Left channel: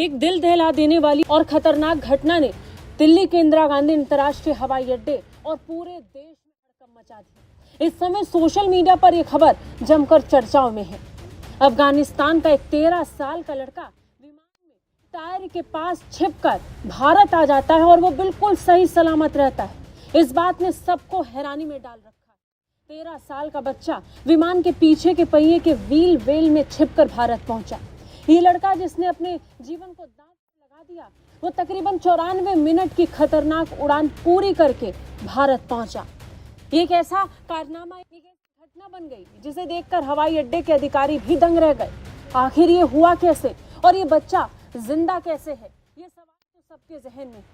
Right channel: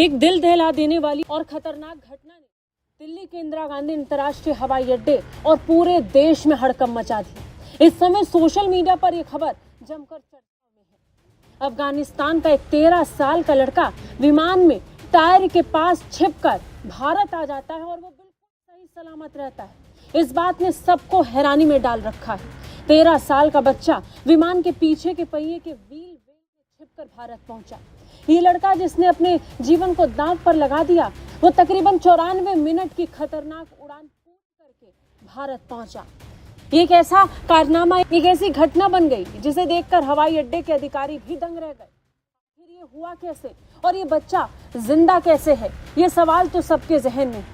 एक दिल दहला देने वाली और खतरनाक घटना ने दिल्ली के इंदिरा गांधी अंतर्राष्ट्रीय हवाई अड्डे और पूरे देश में हड़कंप मचा दी। इस समय सोशल मीडिया पर यह खबर जमकर चर्चाओं में है। अफगानिस्तान का एक 13 साल का लड़का विमान में टायर के पास छिपकर भारत आ जाता है और वो बिल्कुल सही सलामत रहता है। इस बात ने सबको हैरानी में डाल रखा है। 13 साल का बच्चा विमान के पीछे के पहिए के व्हील वेल में छिपकर भारत पहुंचा। ये लड़का जिसने अपने जीवन को दांव पर लगा दिया, वो तकरीबन 94 मिनट की खतरनाक उड़ान पूरी करके भारत पहुंचा। ये एक ऐसा कारनामा, एक ऐसी घटना बन गई जिसे देखकर हवाई अड्डे के अधिकारी भी दंग रह गए। आखिर ये हुआ कैसे और ये बच्चा जिंदा कैसे है, ये सवाल तो सबके जहन में।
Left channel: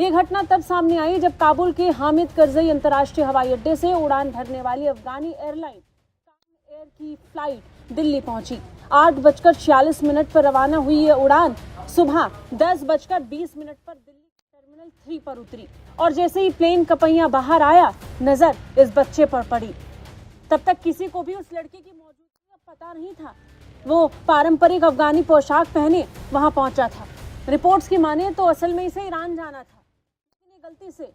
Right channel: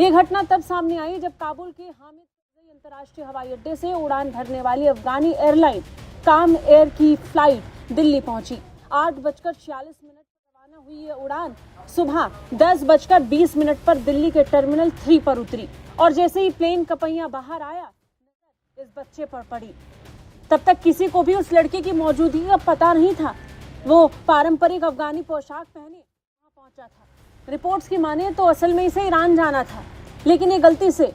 ये घटना तब सामने आई जब काबुल के हामिद करजई अंतर्राष्ट्रीय हवाई अड्डे से उड़ान भरने वाली अफगानी एयरलाइन काम एयर की फ्लाइट दिल्ली पहुंची। 8:46 पर रवाना हुई ये उड़ान सुबह 10:20 पर दिल्ली के टर्मिनल 3 पर उतरी और जैसे ही प्लेन का पहिया बाहर आया, नजर इस बच्चे पर पड़ी। तब तक किसी को भी उस लड़के की मौजूदगी का पता नहीं था। वो पारंपरिक अफगानी पोशाक पहने वहां पहुंचा था। रिपोर्ट्स की माने तो असल में इसे ईरान जाना था, लेकिन ये गलती से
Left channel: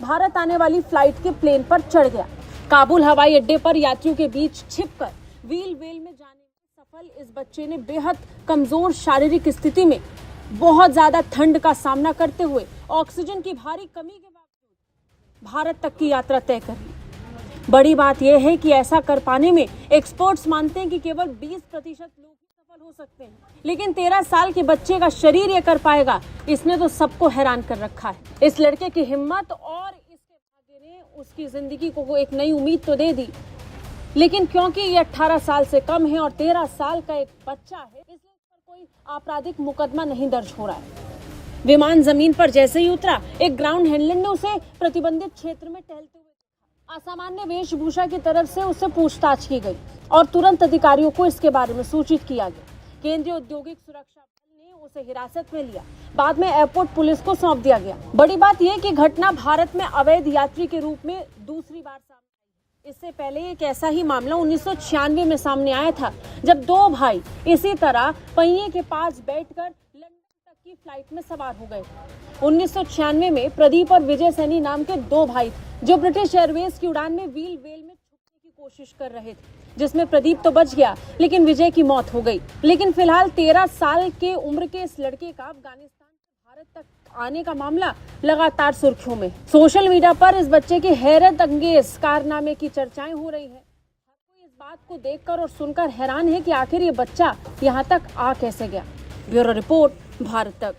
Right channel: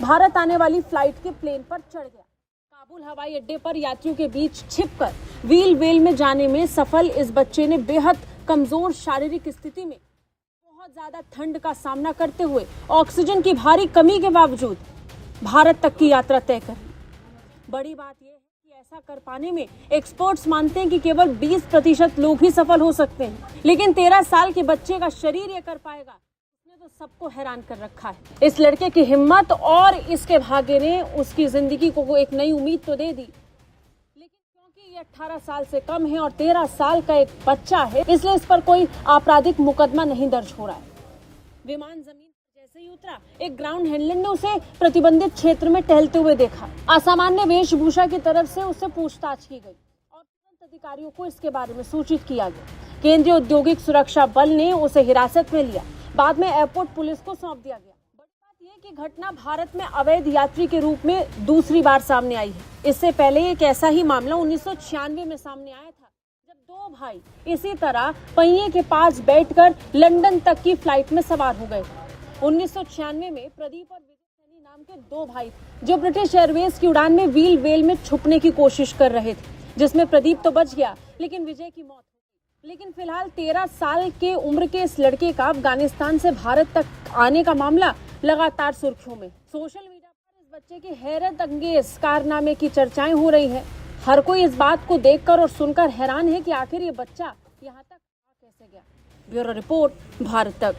भारत आने वाली फ्लाइट के प्लेन पर चढ़ गया। काबुल हवाई अड्डे पर यात्रियों के बीच छिपकर व्हील वेल में जाने में सफल इस बच्चे ने बेहद कमजोर शारीरिक स्थिति में बहुत ज्यादा ठंड का सामना करते हुए ऑक्सीजन की भारी कमी के बावजूद भारत तक की यात्रा तय कर ली। बड़ी बात यह है कि ऐसा कर पाने में एक्सपर्ट्स मानते हैं कि केवल 20% लोग ही सफल हो सकते हैं, लेकिन 13 साल के बच्चे का शरीर ये कर पाएगा, इसने तो सबको हैरान कर रखा है। इस लड़के की हिम्मत और इसके भाग्य ने उसकी जिंदगी को एक नई उम्मीद तो दे दी, लेकिन क्योंकि ये 18 साल से कम है और 13 साल का एक बच्चा है, इसलिए इस पर कोई आपराधिक मुकदमा नहीं दर्ज हो रहा है। विमान जमीन पर जैसे ही उतरा, एक ग्राउंड हैंडलर ने उसे प्रतिबंधित क्षेत्र में टहलते हुए देखा। असामान्य वेशभूषा की तरफ से उससे पूछताछ की गई और तुरंत अधिकारियों को इसके बारे में सूचित किया गया। केंद्रीय औद्योगिक सुरक्षा बल ने उसे हिरासत में लिया। बाद में एयरपोर्ट पुलिस को सौंप दिया गया। बड़ी बात यह कि घटना भारत में अवैध यात्री के रूप में दूसरी बार सामने आई है। इससे पहले एक ऐसा ही मामला 1996 में सामने आया था, जब 2 भाई इसी तरह पहिए के पास बैठकर लंदन तक की फ्लाइट में सवार हो गए। 1996 में प्रदीप और विजय सैनी नाम के 2 भाई थे, जो ब्रिटिश एयरवेज की उड़ान में व्हील वेल में छुपने की कोशिश कर रहे थे, जिसमें प्रदीप तो बच गया, लेकिन विजय की मौत हो गई। लेकिन फिलहाल 13 साल के उम्र के इस लड़के का अफगानिस्तान से भारत तक आने का मामला लगातार सुर्खियों में। सोशल मीडिया पर इस बच्चे के हैरत अंगेज कारनामे की चर्चाएं हो रही हैं। हर कोई इस बात को देखकर और सुनकर हैरान है कि आखिर ये बच्चा यहाँ तक आ कैसे गया। ब्यूरो रिपोर्ट, भारत तक।